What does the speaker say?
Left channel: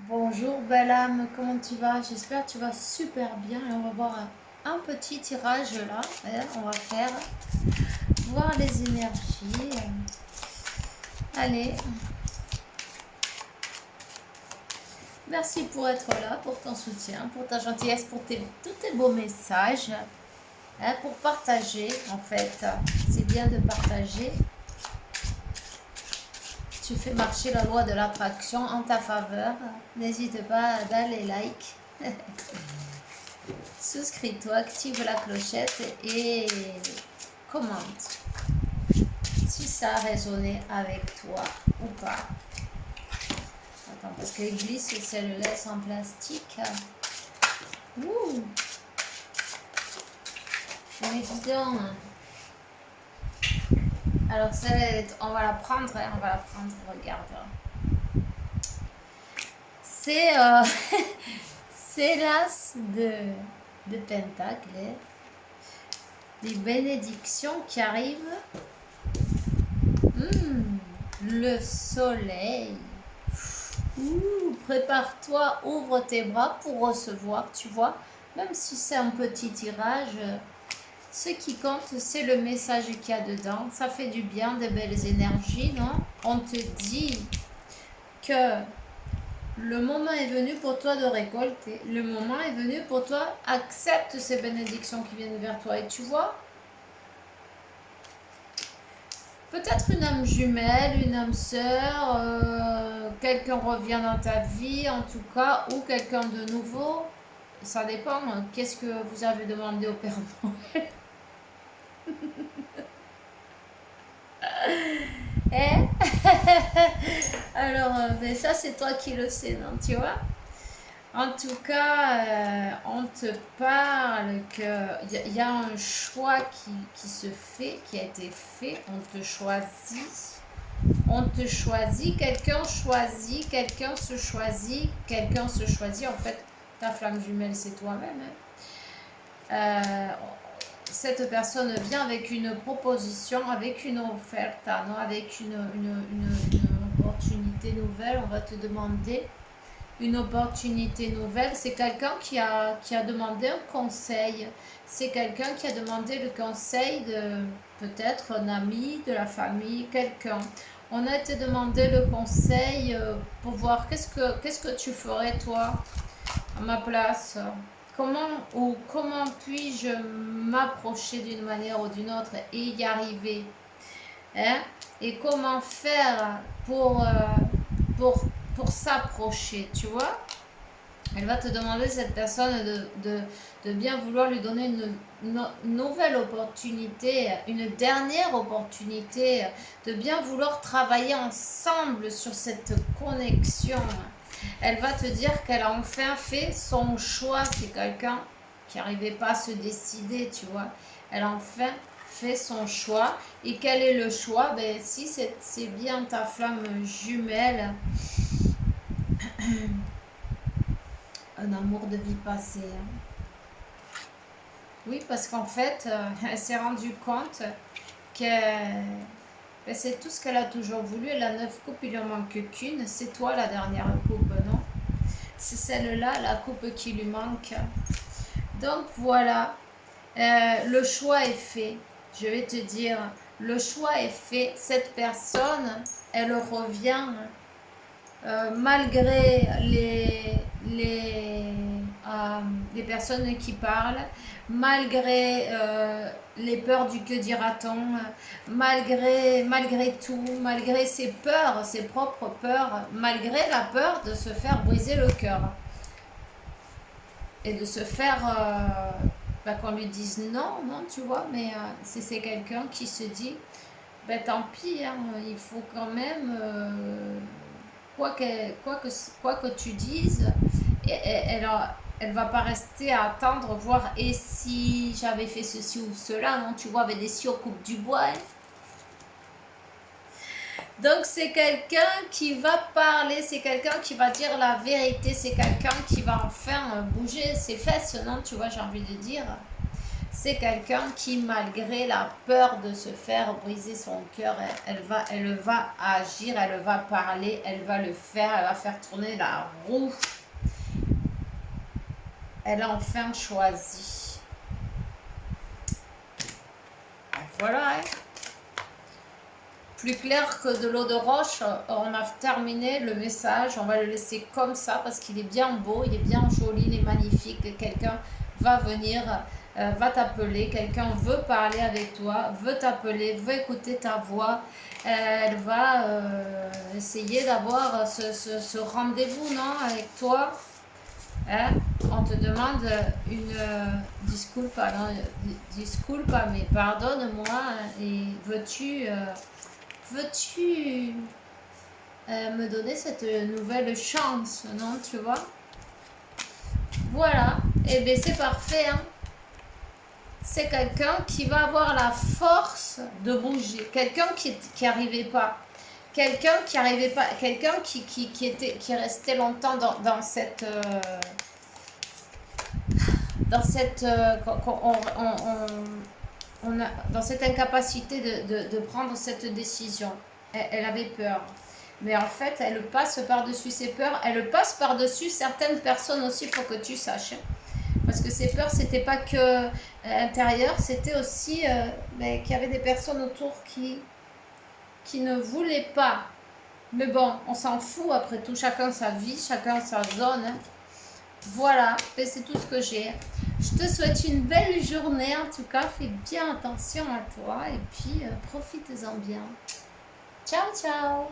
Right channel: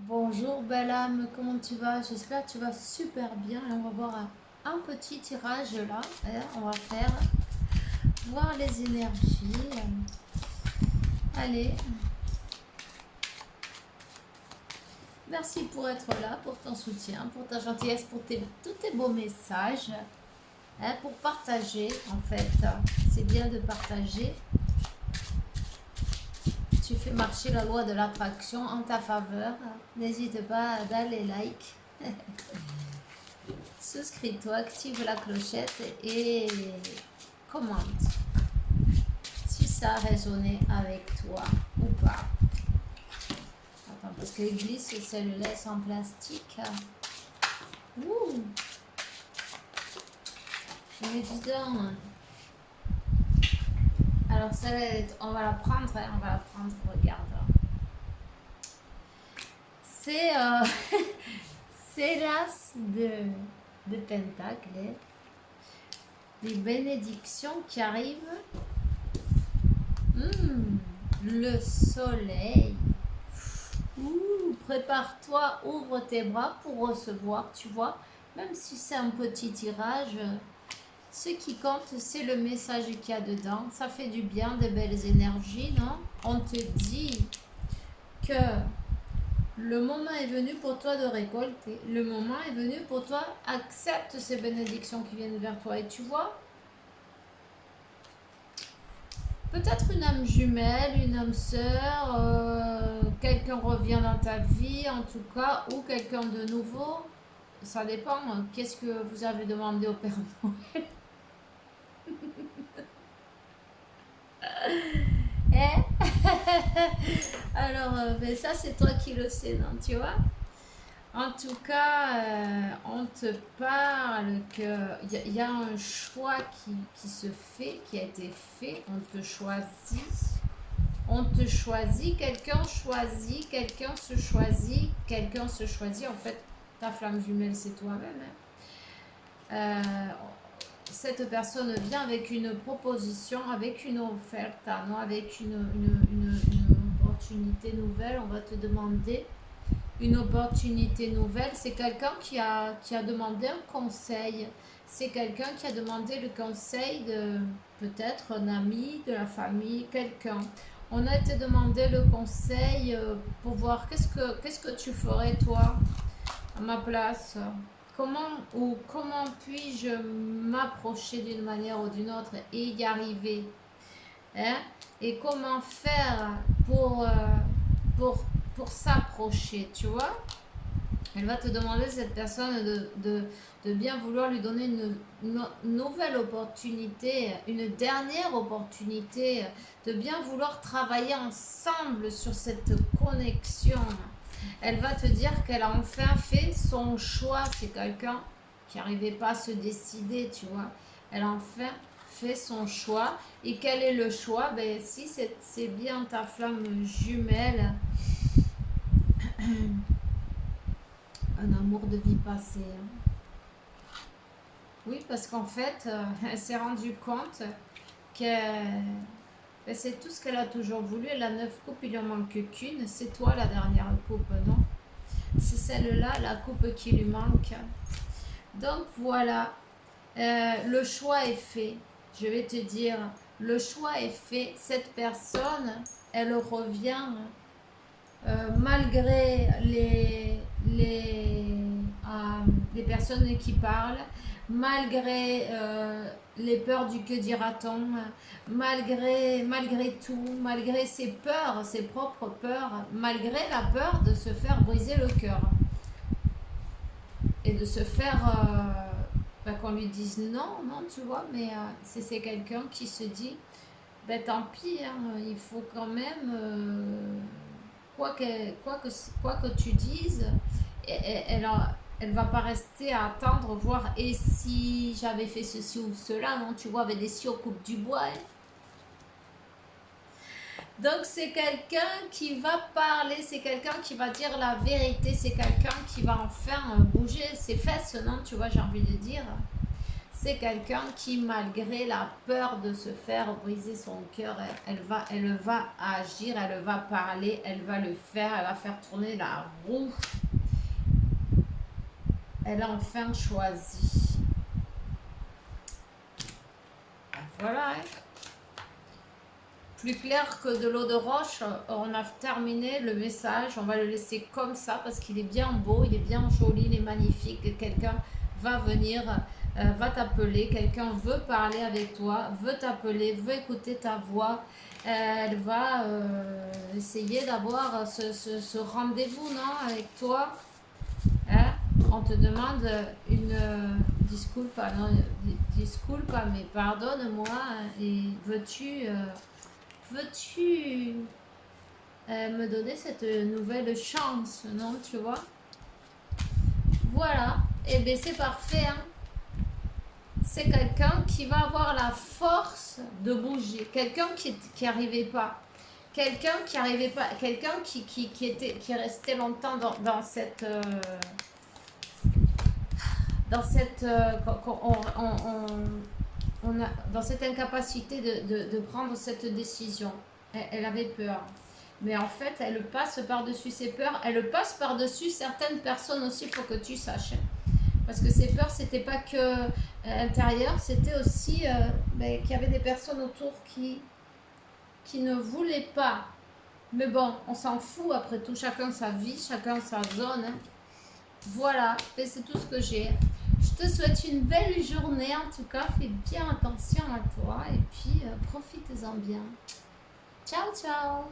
Bonjour belle âme, comment tu vas? J'espère que tu vas super bien. Et on va voir un petit tirage là. On va faire voir les énergies. Allez, merci pour être là, pour ton soutien, pour ta gentillesse, pour tous tes beaux messages. Pour partager, en fait. C'est bien de partager. Tu fais marcher la loi de l'attraction en ta faveur. N'hésite pas à donner like. Souscris-toi, active la clochette et commente si ça a résonné avec toi ou pas. Attends, parce que glisse, c'est le laisse en plastique. Ouh, mais dis donc. Alors, on va la prendre, hein, on va la prendre, regarde. C'est c'est l'as de Pentacle. Les bénédictions qui arrivent. Le soleil. Prépare-toi, ouvre tes bras pour recevoir, tu vois. Même si c'est un petit tirage, ce qui compte, c'est le message qu'il y a dedans. Ça fait du bien, de belles énergies, non? On te dit que le moment est venu pour toi de récolter. Le moment est venu pour toi, accepte ces bénédictions qui viennent vers toi. Et tu vois, peut-être une âme jumelle, une âme sœur, quelqu'un revient dans ta vie en tout cas, ou quelqu'un de nouveau. Ça dépend. Qu'est-ce que vous avez demandé au Père Noël? Eh. Alors, ben ça c'est toi qui le sais, non, tu vois? En tout cas, on te parle qu'il y a un choix qui se fait, qui a été fait. On te choisit. On te choisit, quelqu'un choisit, quelqu'un se choisit, quelqu'un se choisit. En fait, ta flamme jumelle, c'est toi-même. Cette personne vient avec une proposition, avec une offerte, non, avec une opportunité nouvelle. On va te demander une opportunité nouvelle. C'est quelqu'un qui a demandé un conseil. C'est quelqu'un qui a demandé le conseil de peut-être un ami, de la famille, quelqu'un. On a été demandé le conseil pour voir qu'est-ce que tu ferais toi à ma place. Comment puis-je m'approcher d'une manière ou d'une autre et y arriver, hein? Et comment faire pour, pour s'approcher, tu vois? Elle va te demander, cette personne, de bien vouloir lui donner une nouvelle opportunité, une dernière opportunité, de bien vouloir travailler ensemble sur cette connexion. Elle va te dire qu'elle a enfin fait son choix. C'est quelqu'un qui n'arrivait pas à se décider, tu vois. Elle a enfin fait son choix. Et quel est le choix? Ben, si c'est bien ta flamme jumelle, un amour de vie passée, hein. Oui, parce qu'en fait, elle s'est rendue compte que ben, c'est tout ce qu'elle a toujours voulu. Elle a 9 coupes, il lui en manque qu'une. C'est toi la dernière coupe, non? C'est celle-là, la coupe qui lui manque. Donc voilà, le choix est fait. Je vais te dire, le choix est fait. Cette personne, elle revient malgré les personnes qui parlent, malgré les peurs du que dira-t-on, malgré tout, malgré ses peurs, ses propres peurs, malgré la peur de se faire briser le cœur et de se faire qu'on lui dise non, non, tu vois, mais c'est quelqu'un qui se dit, ben tant pis, hein, il faut quand même, quoi que, quoi que, quoi que tu dises, elle va pas rester à attendre, voir, et si j'avais fait ceci ou cela, non, tu vois, avec des si aux coupes du bois, hein. Donc c'est quelqu'un qui va parler, c'est quelqu'un qui va dire la vérité, c'est quelqu'un qui va enfin bouger ses fesses, non, tu vois, j'ai envie de dire. C'est quelqu'un qui, malgré la peur de se faire briser son cœur, elle va agir, elle va parler, elle va le faire, elle va faire tourner la roue. Elle a enfin choisi. Voilà, hein. Plus clair que de l'eau de roche, on a terminé le message. On va le laisser comme ça parce qu'il est bien beau, il est bien joli, il est magnifique. Quelqu'un va venir, va t'appeler. Quelqu'un veut parler avec toi, veut t'appeler, veut écouter ta voix. Elle va essayer d'avoir ce rendez-vous, non, avec toi. Hein? On te demande une disculpa, non, disculpa, mais pardonne-moi. Et veux-tu me donner cette nouvelle chance, non, tu vois? Voilà, et bien c'est parfait, hein. C'est quelqu'un qui va avoir la force de bouger, quelqu'un qui arrivait pas, quelqu'un qui arrivait pas, quelqu'un qui restait longtemps dans cette dans cette incapacité de prendre cette décision. Elle avait peur. Mais en fait, elle passe par-dessus ses peurs. Elle passe par-dessus certaines personnes aussi, il faut que tu saches. Parce que ces peurs, c'était pas que intérieures, c'était aussi qu'il y avait des personnes autour qui ne voulaient pas. Mais bon, on s'en fout après tout. Chacun sa vie, chacun sa zone. Hein. Voilà, c'est tout ce que j'ai. Je te souhaite une belle journée. En tout cas, fais bien attention à toi et puis profites-en bien. Ciao, ciao!